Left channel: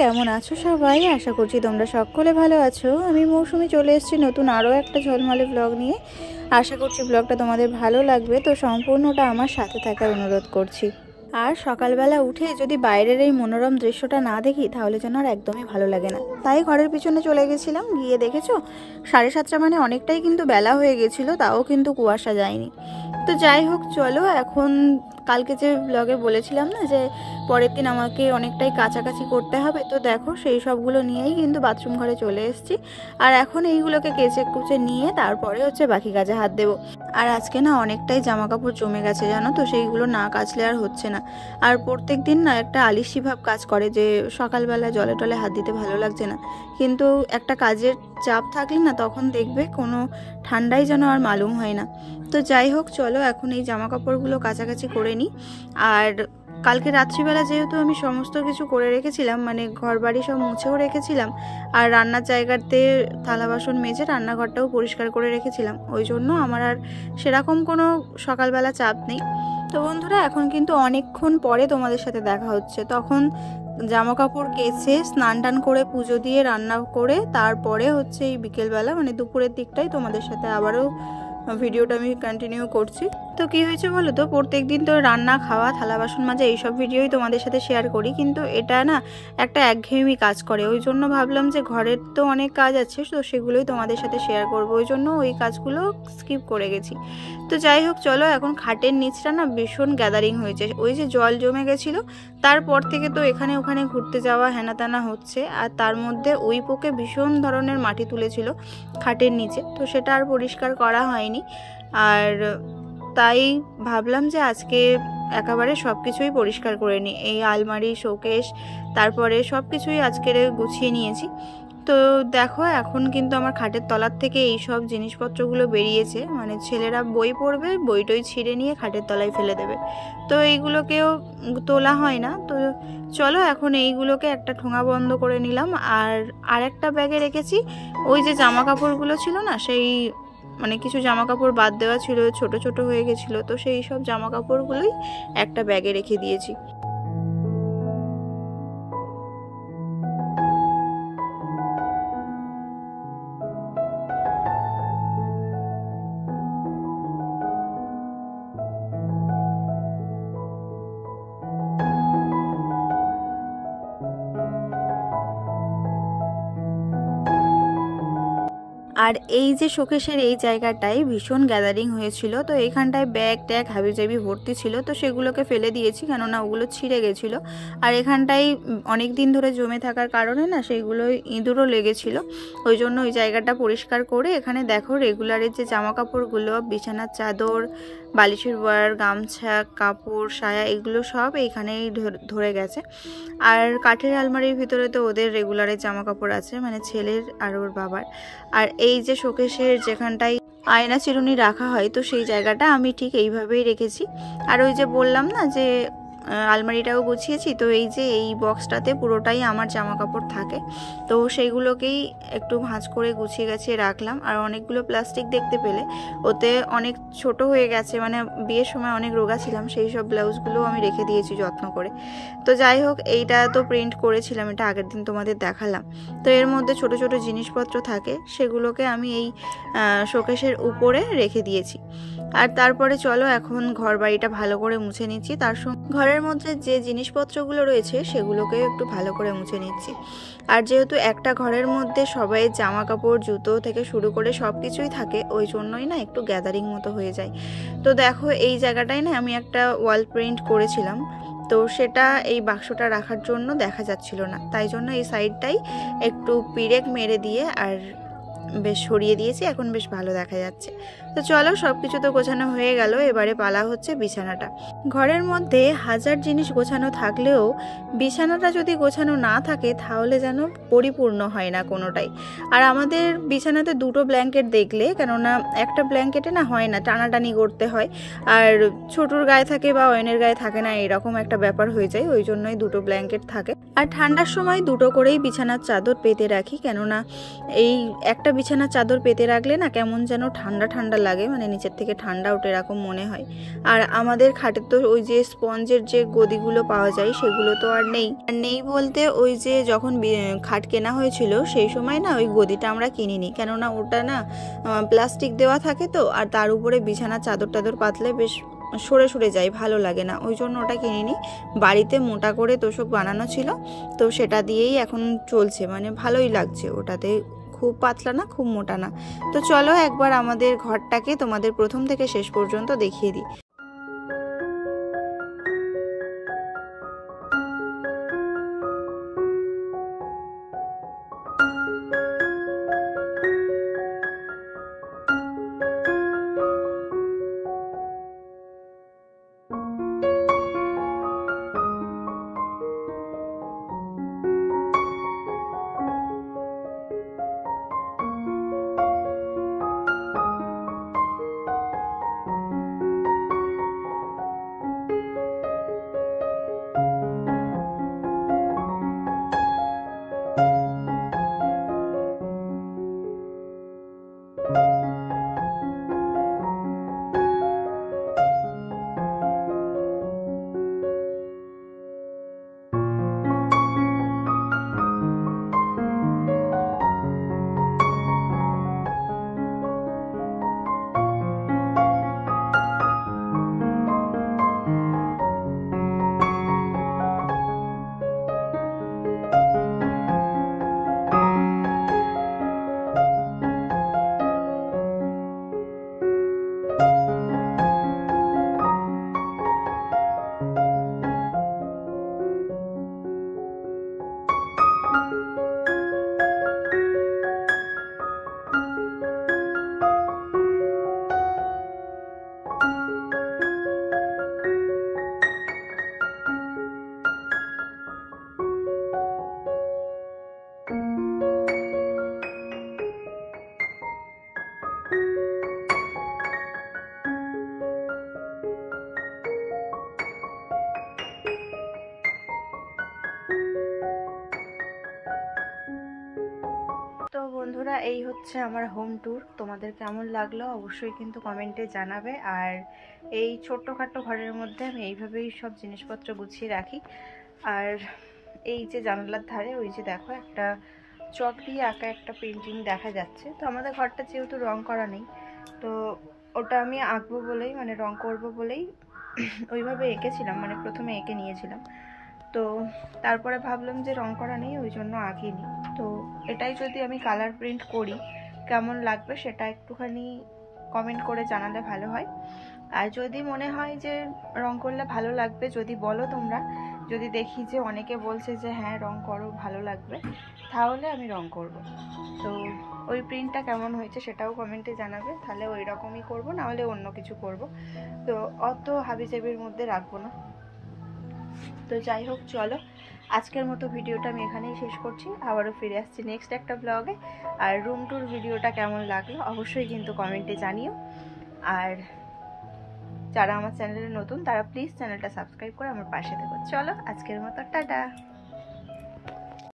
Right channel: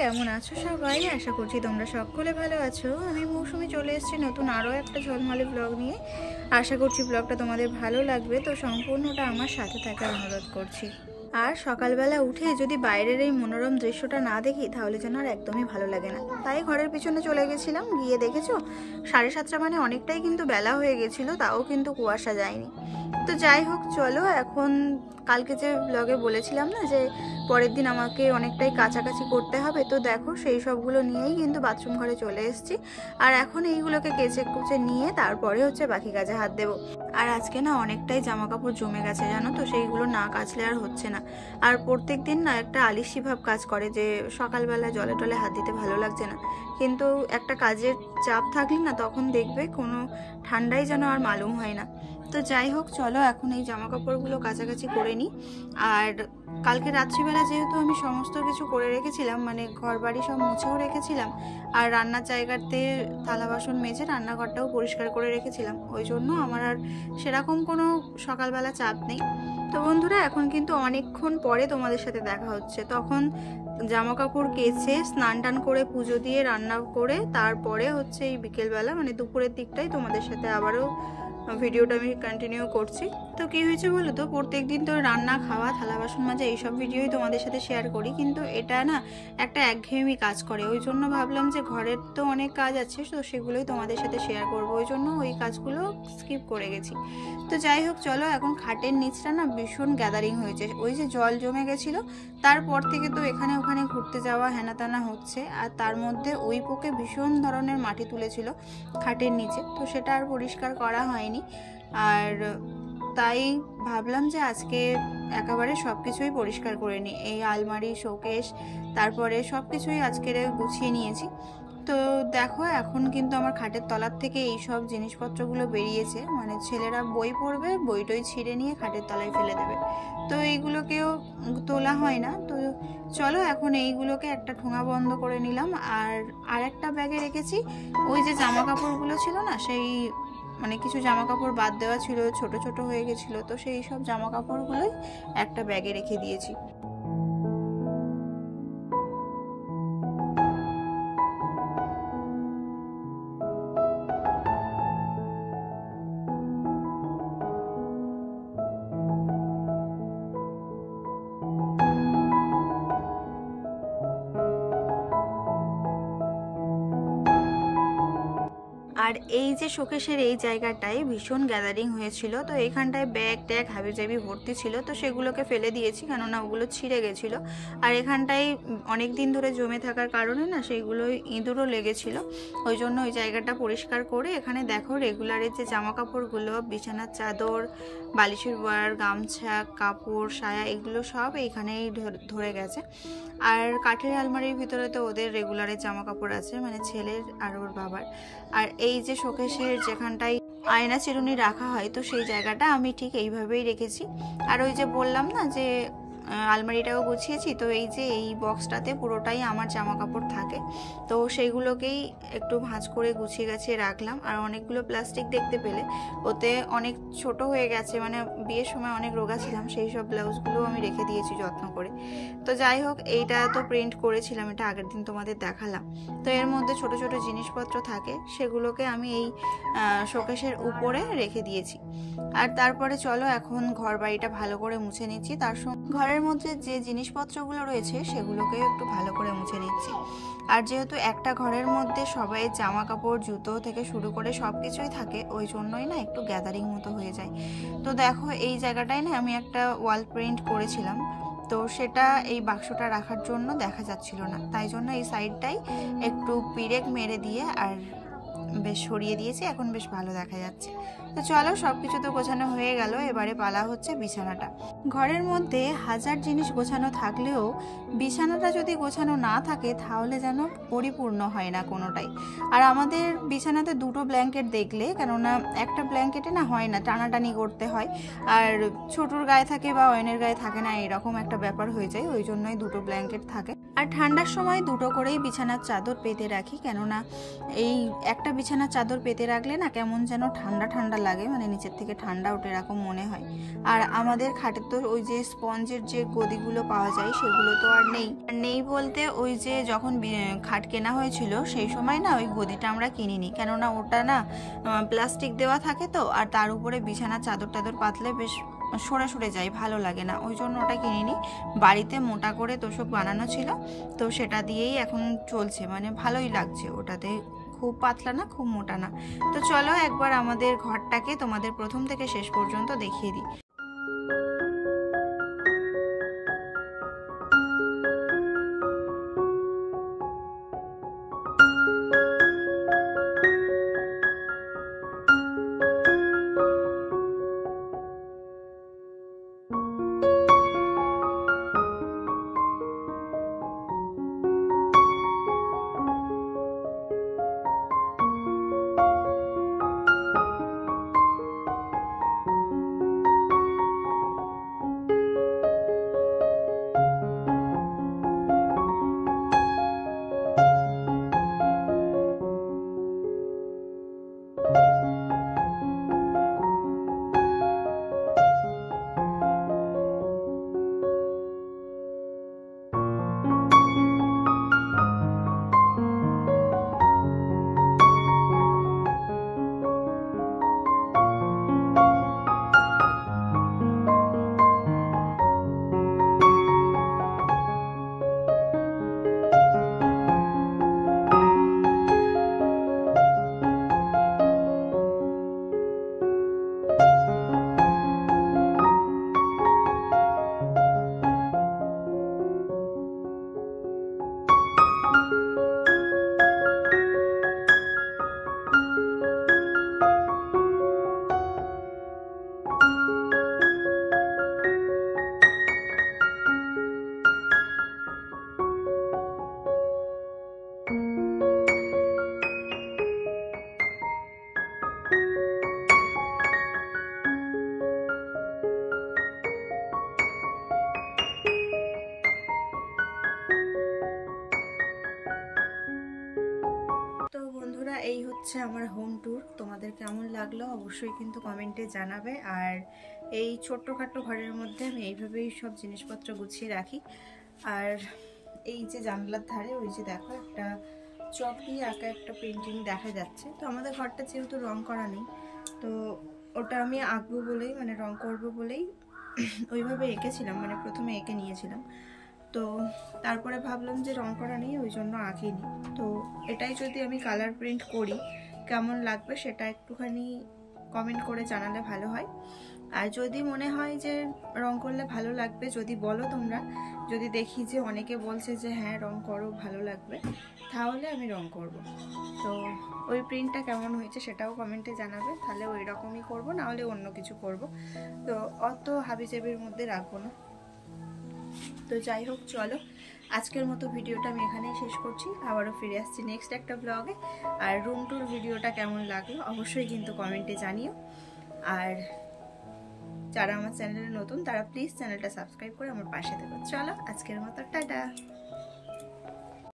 কেমন আছো সবাই? আশা করছি তোমরা সকলে ভালো আছো। আমি মৌসুমি চলে এসেছি নতুন আরও একটা ঝলমলে ব্লগ নিয়ে। আশা করছি ব্লগটা তোমাদের ভালো লাগবে, তো সম্পূর্ণটা আমার সাথে থাকার অনুরোধ করছি। আর সকালবেলা উঠে যদি বাইরের এই মনোরম দৃশ্যটা না দেখি তাহলে যেন আর একদমই ভালো লাগে না। তাই ঘরের পিছনে চলে গেছিলাম, গিয়ে দেখেছো 7:30 মানে অনেকটাই কিন্তু বেলা হয়ে গেছিলো, তাও কিন্তু কুয়াশা যায়নি। তো যাই হোক, চলো এখন কালকে যে ব্লগে বলেছিলাম না যে পরের দিন আমাকে অনেকটাই কাছাকাছি করতে হবে, তো দেখো সেই সবগুলো নিয়েই কিন্তু বাথরুম ঘরে চলে এসেছি। আর এখন এইগুলোকে কেচে কুচে নিয়ে তারপরে হচ্ছে বাকি কাজে হাত দেবো। আর আজকে না অনেকটাই জামা কাপড় জমে গেছে জানো তো, সেইগুলো না কাচলে আর হচ্ছে না। আর প্রত্যেক দিন না একটা আলিশি ভাব কাজ করে যে সকালবেলা জলে টলে হাত দিতে ভালো লাগছে না, কিন্তু একটা কাজের চাপ থাকলে না তখন দেখবে কোনো ঠান্ডাই যেন আর মালুম হয় না। তো যাই হোক, চলো এখন এই জামা কাপড়গুলো কাছাকাছি করে নিই। আর কালকে রাত্রিবেলা যেহেতু আমি সমস্ত কিছু করে রেখেছিলাম, মানে ঘর বাড়ি সব মুছেও রেখেছিলাম, আর রান্নার জায়গাতে থালা বাসন মেজে রান্নাঘরটাও পরিষ্কার করে রেখেছিলাম, ওই জন্য আমার আর সেরকম কোনো সকালবেলা চাপ নেই। তো বন্ধুরা, এখন কিন্তু অনেকক্ষণ পরে তোমাদের সাথে দেখা হচ্ছে। তখন জামা কাপড় কেচে স্নান টান করে পুজো দিয়ে রান্না করে তারপরে হচ্ছে এই বিকেলবেলা মানে দুপুরের দিকটাই তোমাদের সাথে আবারও ভিডিওটা আমি কন্টিনিউ করছি। তো কি হয়েছে বলো তো, প্রত্যেকদিন তো রান্না খাওয়া থালা বাসন মাজা এইসব ভিডিওই তোমাদের সাথে শেয়ার করি, কিন্তু এটা না একটা একঘেয়েমি কাজ করে। ওই জন্য ভাবলাম যে ঘরের তো অনেক কাজ আছে, তো সেগুলোই তোমাদের সাথে শেয়ার করব, ওই জন্য ওই কাজগুলো স্কিপ করে গেছি। তো যাই হোক, চলো এখন খাটের নিচটা না ভীষণ গ্যাদারিং হয়েছে, ওই যে জল জমে গেছিলো তারপর থেকে তো এখানে ওখানে ঘুরতে যাওয়া হেনা তেনা হচ্ছে। আর তার মধ্যে ওই পোকে ভীষণ ধরনের মাটি তুলেছিল খাটের নিচে, তো সেটা আর পরিষ্কার করা হয়নি। আর তাই ভাবলাম যে আজকে একেবারে সব কিছুই পরিষ্কার করে নিই, এই আলমারি শোকেস তারপরে সব কিছুই আজকে গুছিয়ে নিয়েছি। তো দেখো এখন কিন্তু আমার খাটের তলার থেকে এই সব জিনিসপত্রগুলো বেরিয়েছে, মানে ছেলেরা বই পড়বে, বইটই ছিঁড়ে নিয়ে খাটের তলায় ফেলে দেবে, তো এইগুলোকেও তোলা হয় না। তো চলো এখন এইগুলোকে একটা ঠোঙা বন্ধ করে নিলাম। আর একটা ব্যাগে রেখেছি ওই যে জামা কাপড়গুলো ছিল না, সেই মানে কিছু জামা কাপড় বাদ দেওয়া ছিল, ছোট ছোট হয়ে গেছিলো, তো সেই সব জামা কাপড়গুলোই একটা ব্যাগে রেখে দিয়েছি। আর এই যে শোকেসের এই জায়গাটায় ভীষণ গ্যাদারিং হয়েছিল, তো এখানটায় ব্যাগ ট্যাগ হাবিজাবি ভর্তি ছিল, তো সেগুলোকে ফেলে দিয়েছি কেননা ওগুলো ছিঁড়ে গেছিলো। আর এখানটায় অনেক দিন ধরে জমে থাকার কারণে না সেইগুলো ইঁদুরও লেগেছিল, ওই জন্য ওই জায়গাটা পরিষ্কার করে এখানে দেখো রেগুলারের যে জামা কাপড়গুলো, বিছানার চাদর, বালিশের ওয়ার, গামছা, কাপড়, সায়া, এগুলো সব এইখানেই ধরে গেছে। আর কাঠের আলমারির ভিতরে তো ওদের রেগুলারের জামা কাপড় আছে, মানে ছেলের আর ওর বাবার। আর এই যে শোকেসের যেখানটায় আয়না চিরুনি রাখা হয়, তো সেই জায়গাটা আমি ঠিক এইভাবেই রেখেছি। আর ওই যে বললাম না যে আলমারিটাও গুছিয়েছি, তো এই যে এই বক্সটাতে পুরোটাই আমার জামা কাপড় থাকে, তো সেইগুলোকেই একটু ভাঁজ করে গুছিয়ে গাছিয়ে রাখলাম। আর অনেকগুলো প্লাস্টিক দেখতে পেলে, ওতে অনেক ছোট হয়ে গেছে, মানে বিয়ের সময় অনেক রোগা ছিলাম, সেই সব ব্লাউজগুলো আমি রেখে দিয়েছি যত্ন করে। তো যাই হোক, এইটা তো প্রিন্ট করেছিলাম, এটা আগের দিন তোমাদের দেখালাম। তো এর মধ্যে ছোট ছোট জিনিসপত্র থাকে, সেগুলোকে আমি এই শোকেসের উপরে রেখে দিয়েছি। আর তারপরে চলো এখন ঘর বাড়িটা ভালো করে মুছে নিচ্ছি, তার সঙ্গে ঘরের মধ্যে যে জিনিসপত্রগুলো রয়েছে সেগুলোকেও একটু ভালো করে মুছে নিচ্ছি। আর যেহেতু একটা ঘরের মধ্যে সবাই জামা কাপড় জুতো থেকে শুরু করে সব কিছুই থাকে, ওই জন্যই না একটু গ্যাদারিং মতো হয়ে যায়। তো দেখো এই জায়গাটায় না আমি একটা ওয়াল প্রিন্ট করেছিলাম, তো সেটা এই বাক্সটা রাখার জন্য দেখা যাচ্ছিল না, তাই জন্য এই সাইডটাই একটু পিরেক মেরে দিয়ে আর বেশ সরিয়ে দিয়েছি, এখন বেশ ভালো দেখা যাচ্ছে। তো চলো সবকিছু তো গোছানো হয়ে গেল, এবারে পালা হচ্ছে বিছানাটা। ঘরের মধ্যে হাজার জিনিস গোছানো থাকলেও বিছানাটা যদি গোছানো না থাকে তাহলে যেন পরিপূর্ণ হয় না কোনোটাই। আর আমাদের বিছানাতে দুটো ব্ল্যাঙ্কেট দেখলে, কেননা একটা ব্ল্যাঙ্কেটে না হয় না, টানাটানি করতে হয়, আর ছোটুর গায়ে থাকে বা অয়নের গায়ে থাকে না, এরকম একটা ব্যাপার হয়ে যায়, ওই জন্যই দুটো ব্ল্যাঙ্কেট থাকে। আর ঠান্ডার সময় দুটো করেই বিছানার চাদর পেতে রাখি, কেননা এই একটা বিছানার চাদর পেতে রাখলে না কেমন যেন ঠান্ডা ঠান্ডা লাগে, মানে নিচের থেকে ঠান্ডা ওঠে এরকম মনে হয়। আর আমাদের খাটের তো ওই যে স্পঞ্জের যে গদিগুলো পাওয়া যায় সেগুলো তো আর নেই বলতে ওই যে যখন খাট কেনা হয়েছিল সেই সময় না ওই গদিটা আমরা কিনিনি, কেননা ওটা না প্লাস্টিক দেওয়া থাকে তো, আর তার উপরে বিছানার চাদর টাদর পাতলে বেশ সরে সরে যায়, ভালো লাগে না, ওই জন্য ওটা কিনিনি। বাড়িতে মোটা করে তোষক বানানো ছিল, তো সেটা দিয়েই এখন চলছে, মানে ভালোই লাগছে ওটাতে, খুব পাতলা না খুব মোটা না। তো চলো একবার আমাদের ঘরটাকে তোমাদের প্রথম থেকে শেষ পর্যন্ত দেখিয়ে দিই। তো বন্ধুরা এই হচ্ছে আমার হোম ট্যুর, তোমাদের কেমন লাগলো অবশ্যই কিন্তু কমেন্টে জানাবে। আর এই ছোট্টখাট্টো ঘরের মধ্যে আমি এইভাবেই সব জিনিসপত্র গুছিয়ে রাখি। আর এই যে জানালার ধারে ওই যে দেখো একটা চক দিয়ে আঁকা একটা পেন্টিং দেখা যাচ্ছে, তো আমাদের ঘরটা যেহেতু রং করা নেই, তো ওটা আমি আঁকবো বলেই, মানে রং করবো বলেই ওইভাবে এঁকেছিলাম, মানে প্রথমে এঁকে নিয়েছিলাম, তো তারপরে ভাবলাম যে রং করা নেই ওই জন্য আঁকিনি। তো এটাই যদি আমি কালার প্রিন্ট করি কেমন লাগবে সেটা একটুখানি কমেন্ট করে জানালে ভালো হয়। আর যদি মনে হয় যে রং করলে ভালো লাগবে, যদি বলো তোমরা, যদি দেখি যে অনেকে বলছে যে হ্যাঁ রং করো ভালো লাগবে, তাহলে আমি রং করব। তো ওই প্রিন্টটা কেমন হয়েছে সেটাও কমেন্টে জানাবে, তাহলে ওই রকমই করবো, নাহলে অন্য কিছু করব। তো অত হাবিজাবির মধ্যে রাখবো না। তো যাই হোক, চলো আজকের মতো ভিডিওটা আমি এখানেই শেষ করছি, আবারও ফিরে আসছি নেক্সট একটা ব্লগে। আর রুম ট্যুর ভিডিওটা কেমন লাগলো অবশ্যই কিন্তু কমেন্টে জানিও। আর যারা আমার চ্যানেলে নতুন তারা প্লিজ চ্যানেলটা সাবস্ক্রাইব করে আমার পাশে থেকো। চলো আজকের মতো টাটা।